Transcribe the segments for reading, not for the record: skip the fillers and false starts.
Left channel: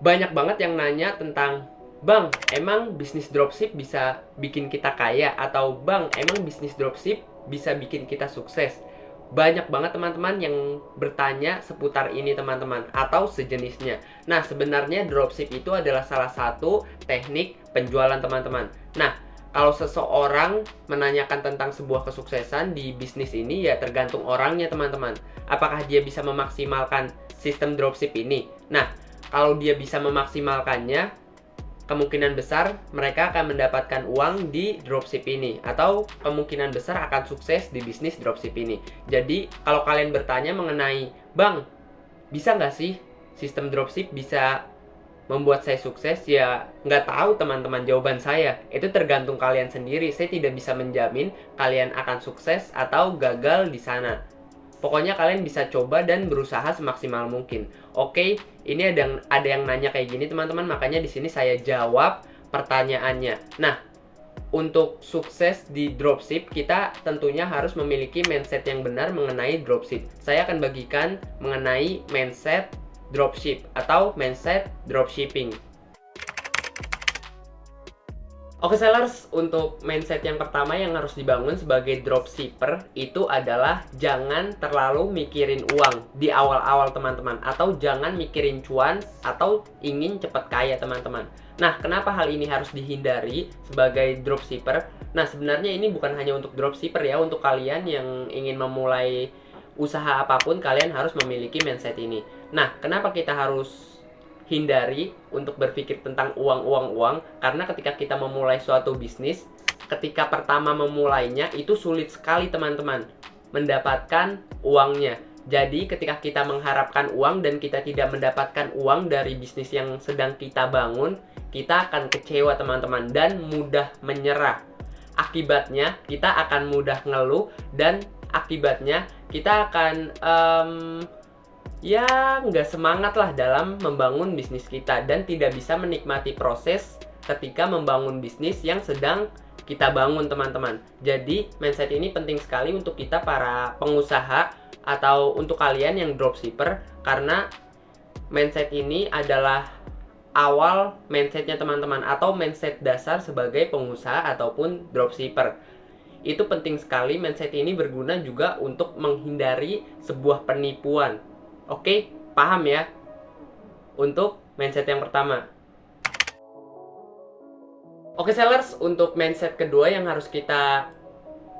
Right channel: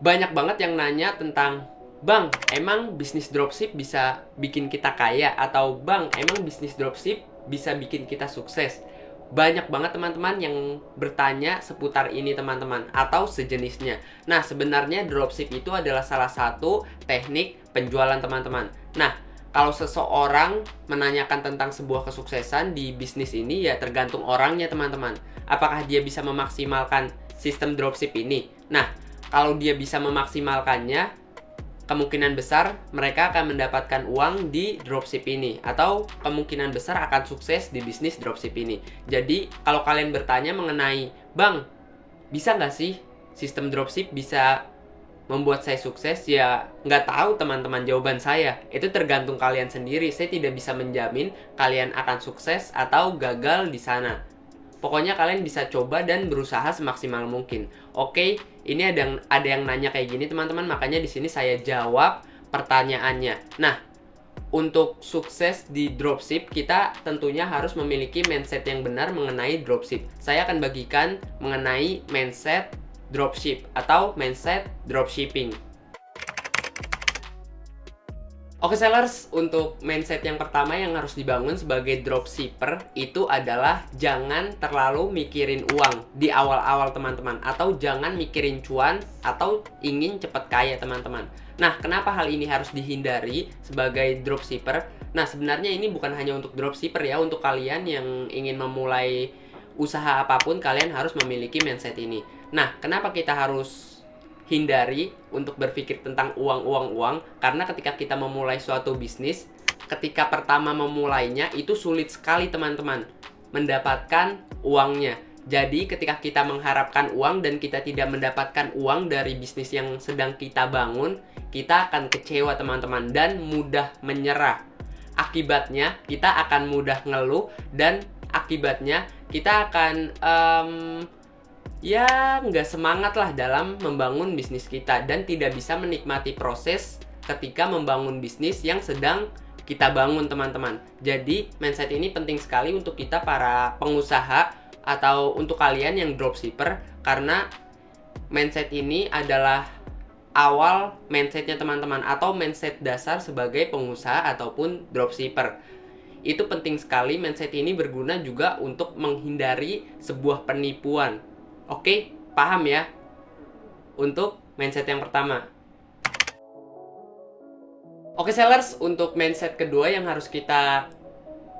Banyak banget yang nanya tentang, "Bang, emang bisnis dropship bisa bikin kita kaya?" Atau, "Bang, emang bisnis dropship bisa bikin kita sukses?" Banyak banget teman-teman yang bertanya seputar ini teman-teman, atau sejenisnya. Nah, sebenarnya dropship itu adalah salah satu teknik penjualan teman-teman. Nah, kalau seseorang menanyakan tentang sebuah kesuksesan di bisnis ini, ya tergantung orangnya teman-teman. Apakah dia bisa memaksimalkan sistem dropship ini? Nah, kalau dia bisa memaksimalkannya, kemungkinan besar mereka akan mendapatkan uang di dropship ini, atau kemungkinan besar akan sukses di bisnis dropship ini. Jadi kalau kalian bertanya mengenai, "Bang, bisa nggak sih sistem dropship bisa membuat saya sukses?" Ya nggak tahu teman-teman, jawaban saya itu tergantung kalian sendiri. Saya tidak bisa menjamin kalian akan sukses atau gagal di sana. Pokoknya kalian bisa coba dan berusaha semaksimal mungkin. Oke, ini ada yang nanya kayak gini teman-teman, makanya di sini saya jawab pertanyaannya. Nah, untuk sukses di dropship, kita tentunya harus memiliki mindset yang benar mengenai dropship. Saya akan bagikan mengenai mindset dropship atau mindset dropshipping. Oke sellers, untuk mindset yang pertama yang harus dibangun sebagai dropshipper itu adalah jangan terlalu mikirin uang di awal-awal teman-teman, atau jangan mikirin cuan atau ingin cepat kaya teman-teman. Nah, kenapa hal ini harus dihindari sebagai dropshipper? Nah, sebenarnya ini bukan hanya untuk dropshipper ya, untuk kalian yang ingin memulai usaha apapun kalian harus memiliki mindset ini. Nah, kenapa kita harus hindari untuk berpikir tentang uang, karena ketika kita memulai suatu bisnis, ketika pertama memulainya itu sulit sekali teman-teman mendapatkan uangnya. Jadi ketika kita mengharapkan uang dan kita tidak mendapatkan uang dari bisnis yang sedang kita bangun, kita akan kecewa teman-teman dan mudah menyerah. Akibatnya kita akan mudah ngeluh, dan akibatnya kita akan ya nggak semangat lah dalam membangun bisnis kita, dan tidak bisa menikmati proses ketika membangun bisnis yang sedang kita bangun teman-teman. Jadi mindset ini penting sekali untuk kita para pengusaha atau untuk kalian yang dropshipper, karena mindset ini adalah awal mindsetnya teman-teman, atau mindset dasar sebagai pengusaha ataupun dropshipper. Itu penting sekali, mindset ini berguna juga untuk menghindari sebuah penipuan. Oke, paham ya? Untuk mindset yang pertama. Oke sellers, untuk mindset kedua yang harus kita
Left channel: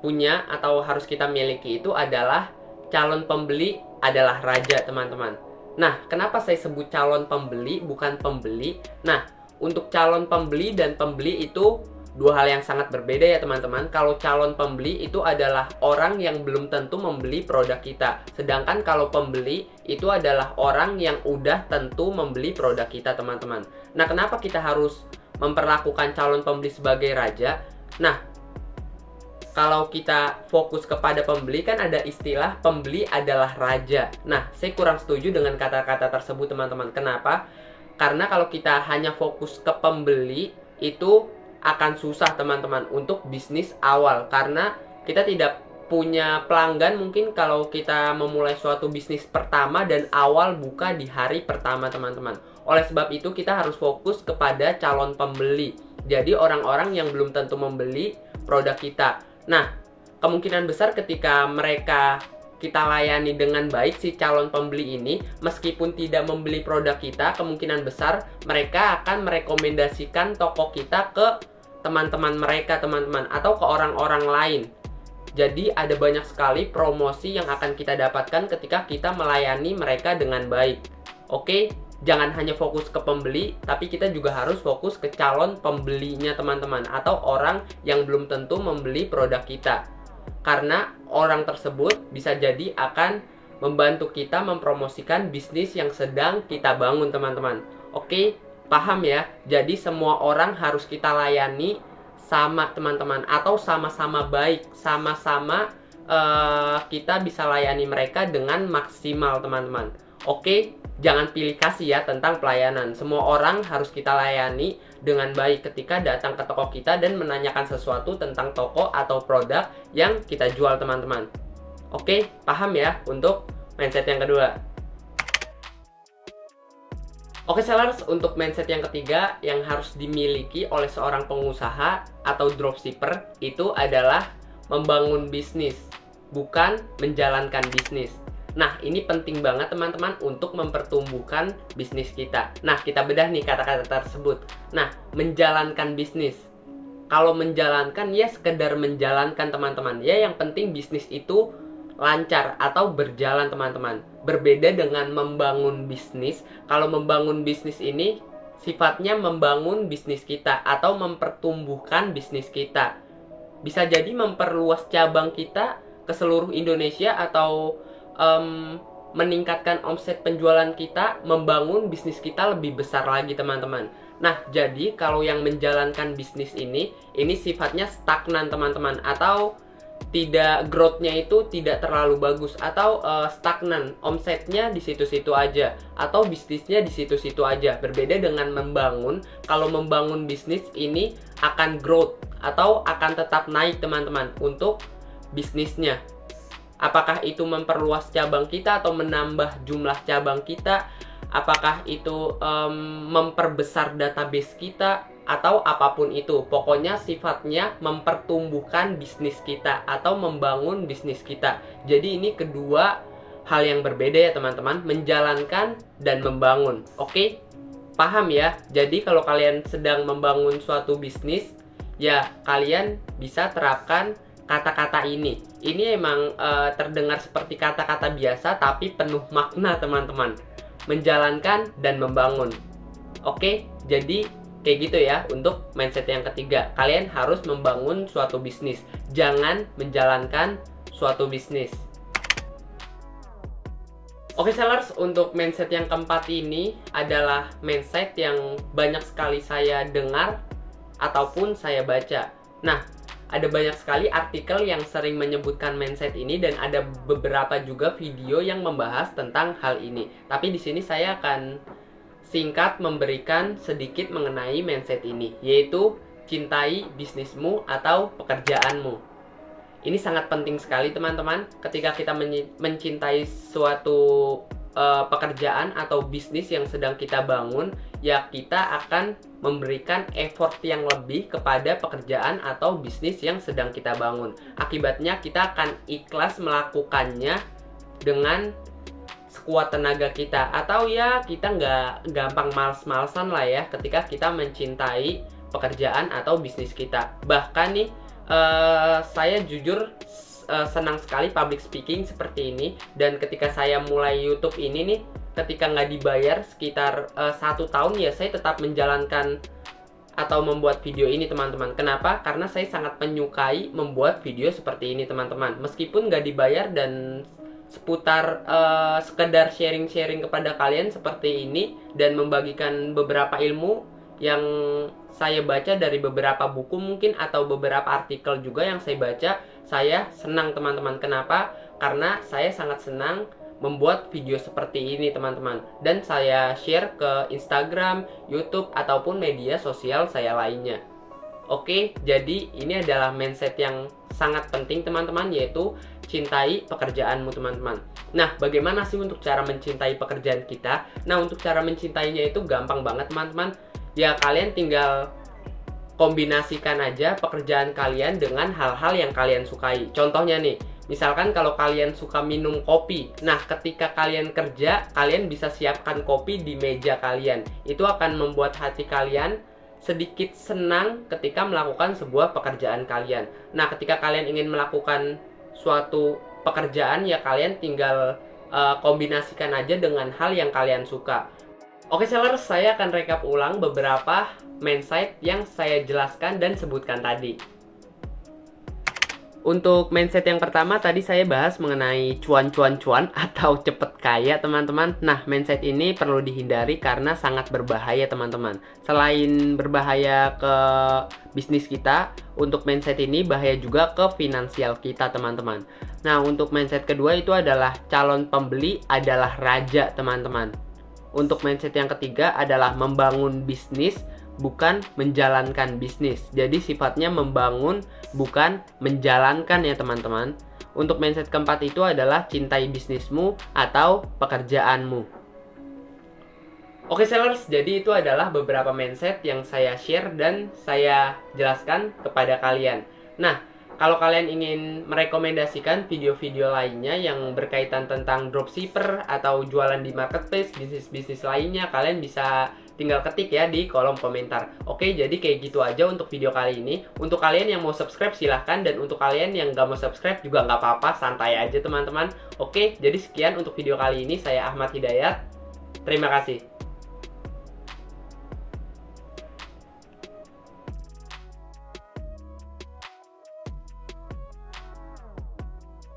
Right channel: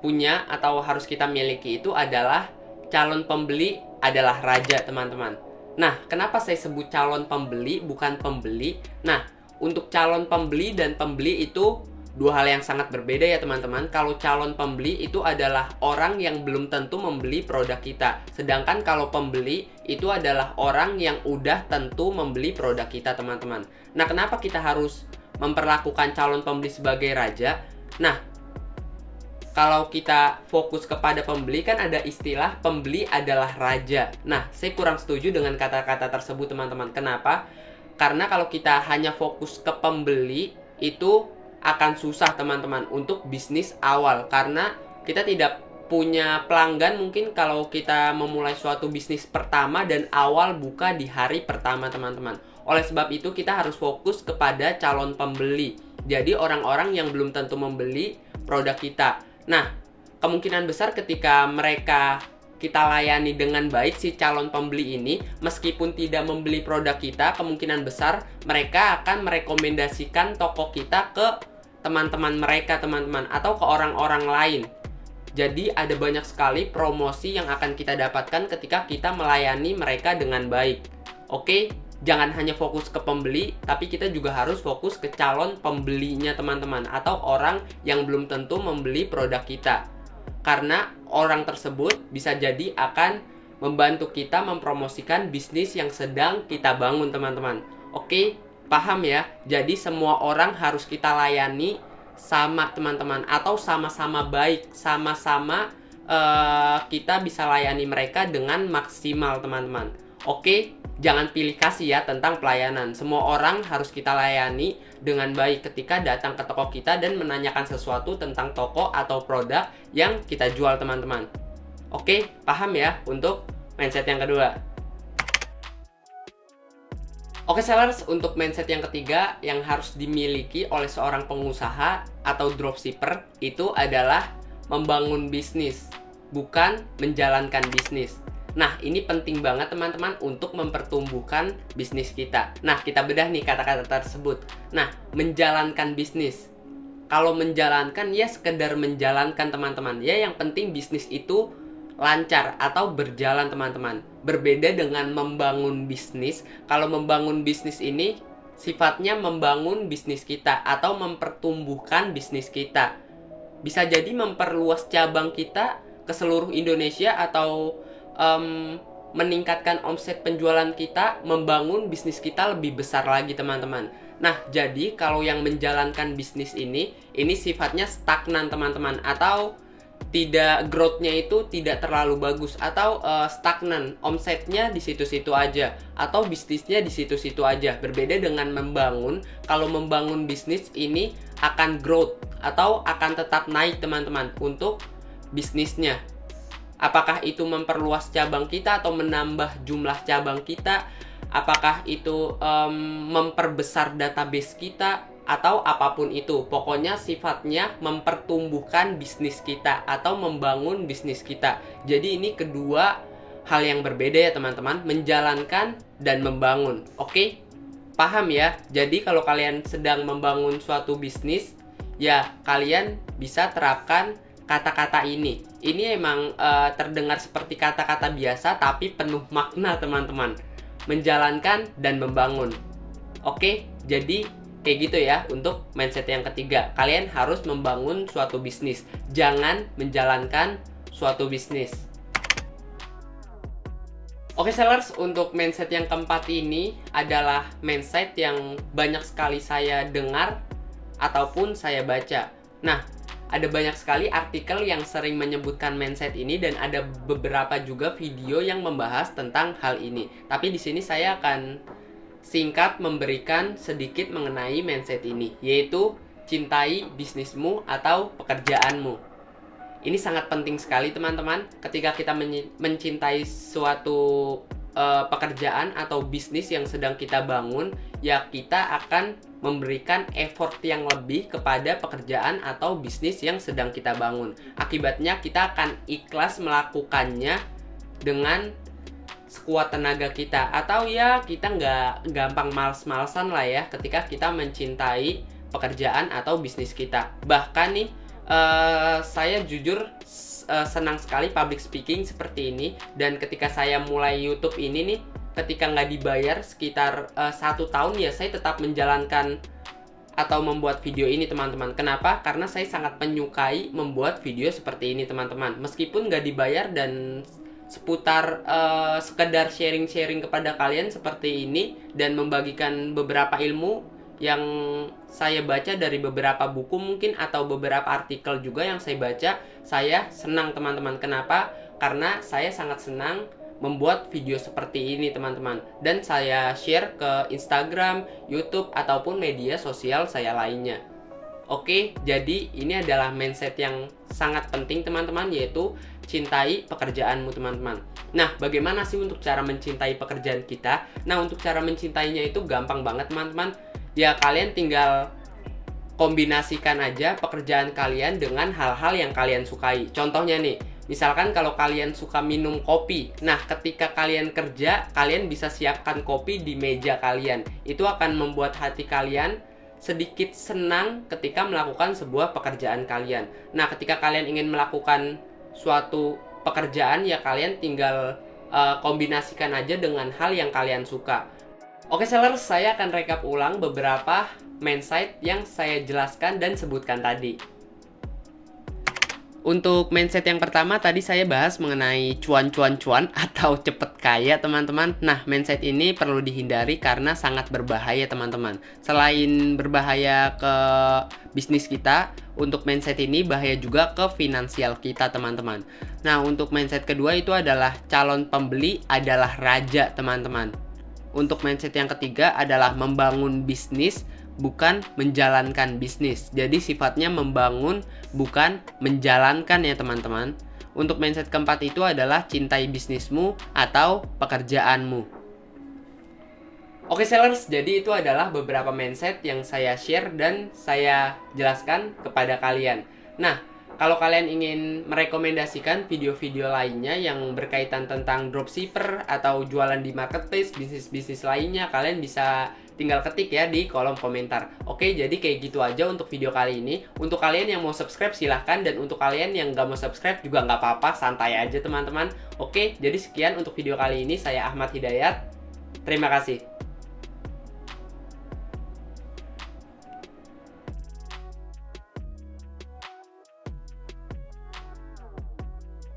punya atau harus kita miliki itu adalah calon pembeli adalah raja teman-teman. Nah, kenapa saya sebut calon pembeli bukan pembeli? Nah, untuk calon pembeli dan pembeli itu dua hal yang sangat berbeda ya teman-teman. Kalau calon pembeli itu adalah orang yang belum tentu membeli produk kita, sedangkan kalau pembeli itu adalah orang yang udah tentu membeli produk kita teman-teman. Nah, kenapa kita harus memperlakukan calon pembeli sebagai raja? Nah, kalau kita fokus kepada pembeli, kan ada istilah pembeli adalah raja. Nah, saya kurang setuju dengan kata-kata tersebut teman-teman. Kenapa? Karena kalau kita hanya fokus ke pembeli, itu akan susah teman-teman untuk bisnis awal. Karena kita tidak punya pelanggan mungkin kalau kita memulai suatu bisnis pertama dan awal buka di hari pertama teman-teman. Oleh sebab itu kita harus fokus kepada calon pembeli. Jadi orang-orang yang belum tentu membeli produk kita. Nah, kemungkinan besar ketika mereka kita layani dengan baik si calon pembeli ini, meskipun tidak membeli produk kita, kemungkinan besar mereka akan merekomendasikan toko kita ke teman-teman mereka teman-teman, atau ke orang-orang lain. Jadi ada banyak sekali promosi yang akan kita dapatkan ketika kita melayani mereka dengan baik. Oke, jangan hanya fokus ke pembeli, tapi kita juga harus fokus ke calon pembelinya teman-teman, atau orang yang belum tentu membeli produk kita. Karena orang tersebut bisa jadi akan membantu kita mempromosikan bisnis yang sedang kita bangun teman-teman. Oke, paham ya? Jadi semua orang harus kita layani sama teman-teman, atau sama-sama baik, sama-sama kita bisa layani mereka dengan maksimal teman-teman. Oke, jangan pilih kasih ya tentang pelayanan. Semua orang harus kita layani dengan baik ketika datang ke toko kita dan menanyakan sesuatu tentang toko atau produk yang kita jual teman-teman. Oke, paham ya untuk mindset yang kedua. Oke sellers, untuk mindset yang ketiga yang harus dimiliki oleh seorang pengusaha atau dropshipper itu adalah membangun bisnis, bukan menjalankan bisnis. Nah, ini penting banget teman-teman untuk mempertumbuhkan bisnis kita. Nah, kita bedah nih kata-kata tersebut. Nah, menjalankan bisnis. Kalau menjalankan ya sekedar menjalankan teman-teman. Ya yang penting bisnis itu lancar atau berjalan teman-teman. Berbeda dengan membangun bisnis. Kalau membangun bisnis ini sifatnya membangun bisnis kita atau mempertumbuhkan bisnis kita. Bisa jadi memperluas cabang kita ke seluruh Indonesia atau meningkatkan omset penjualan kita, membangun bisnis kita lebih besar lagi teman-teman. Nah, jadi kalau yang menjalankan bisnis ini sifatnya stagnan teman-teman, atau tidak growth-nya itu tidak terlalu bagus, atau stagnan, omsetnya di situ-situ aja, atau bisnisnya di situ-situ aja. Berbeda dengan membangun, kalau membangun bisnis ini akan growth atau akan tetap naik teman-teman untuk bisnisnya. Apakah itu memperluas cabang kita atau menambah jumlah cabang kita, apakah itu memperbesar database kita, atau apapun itu. Pokoknya sifatnya mempertumbuhkan bisnis kita atau membangun bisnis kita. Jadi ini kedua hal yang berbeda ya teman-teman, menjalankan dan membangun. Oke? Paham ya? Jadi kalau kalian sedang membangun suatu bisnis, ya kalian bisa terapkan kata-kata ini. Ini emang terdengar seperti kata-kata biasa tapi penuh makna teman-teman. Menjalankan dan membangun. Oke, jadi kayak gitu ya untuk mindset yang ketiga. Kalian harus membangun suatu bisnis, jangan menjalankan suatu bisnis. Oke sellers, untuk mindset yang keempat ini adalah mindset yang banyak sekali saya dengar ataupun saya baca. Nah, ada banyak sekali artikel yang sering menyebutkan mindset ini dan ada beberapa juga video yang membahas tentang hal ini. Tapi di sini saya akan singkat memberikan sedikit mengenai mindset ini, yaitu cintai bisnismu atau pekerjaanmu. Ini sangat penting sekali teman-teman. Ketika kita mencintai suatu pekerjaan atau bisnis yang sedang kita bangun, ya kita akan memberikan effort yang lebih kepada pekerjaan atau bisnis yang sedang kita bangun. Akibatnya kita akan ikhlas melakukannya dengan sekuat tenaga kita, atau ya kita nggak gampang males-malesan lah ya ketika kita mencintai pekerjaan atau bisnis kita. Bahkan nih saya jujur senang sekali public speaking seperti ini, dan ketika saya mulai YouTube ini nih, ketika nggak dibayar sekitar 1 tahun ya saya tetap menjalankan atau membuat video ini teman-teman. Kenapa? Karena saya sangat menyukai membuat video seperti ini teman-teman. Meskipun nggak dibayar dan seputar sekedar sharing-sharing kepada kalian seperti ini dan membagikan beberapa ilmu yang saya baca dari beberapa buku mungkin atau beberapa artikel juga yang saya baca, saya senang teman-teman. Kenapa? Karena saya sangat senang membuat video seperti ini teman-teman, dan saya share ke Instagram, YouTube ataupun media sosial saya lainnya. Oke, jadi ini adalah mindset yang sangat penting teman-teman, yaitu cintai pekerjaanmu teman-teman. Nah, bagaimana sih untuk cara mencintai pekerjaan kita? Nah, untuk cara mencintainya itu gampang banget teman-teman. Ya kalian tinggal kombinasikan aja pekerjaan kalian dengan hal-hal yang kalian sukai. Contohnya nih, misalkan kalau kalian suka minum kopi, nah ketika kalian kerja, kalian bisa siapkan kopi di meja kalian. Itu akan membuat hati kalian sedikit senang ketika melakukan sebuah pekerjaan kalian. Nah, ketika kalian ingin melakukan suatu pekerjaan, ya kalian tinggal kombinasikan aja dengan hal yang kalian suka. Oke sellers, saya akan rekap ulang beberapa mindset yang saya jelaskan dan sebutkan tadi. Untuk mindset yang pertama tadi saya bahas mengenai cuan atau cepet kaya teman-teman. Nah, mindset ini perlu dihindari karena sangat berbahaya teman-teman. Selain berbahaya ke bisnis kita, untuk mindset ini bahaya juga ke finansial kita teman-teman. Nah, untuk mindset kedua itu adalah calon pembeli adalah raja teman-teman. Untuk mindset yang ketiga adalah membangun bisnis, bukan menjalankan bisnis. Jadi sifatnya membangun, bukan menjalankan ya teman-teman. Untuk mindset keempat itu adalah cintai bisnismu atau pekerjaanmu. Oke sellers, jadi itu adalah beberapa mindset yang saya share dan saya jelaskan kepada kalian. Nah, kalau kalian ingin merekomendasikan video-video lainnya yang berkaitan tentang dropshipper atau jualan di marketplace, bisnis-bisnis lainnya, kalian bisa tinggal ketik ya di kolom komentar. Oke, jadi kayak gitu aja untuk video kali ini. Untuk kalian yang mau subscribe silahkan, dan untuk kalian yang gak mau subscribe juga nggak apa-apa, santai aja teman-teman. Oke, jadi sekian untuk video kali ini. Saya Ahmad Hidayat. Terima kasih.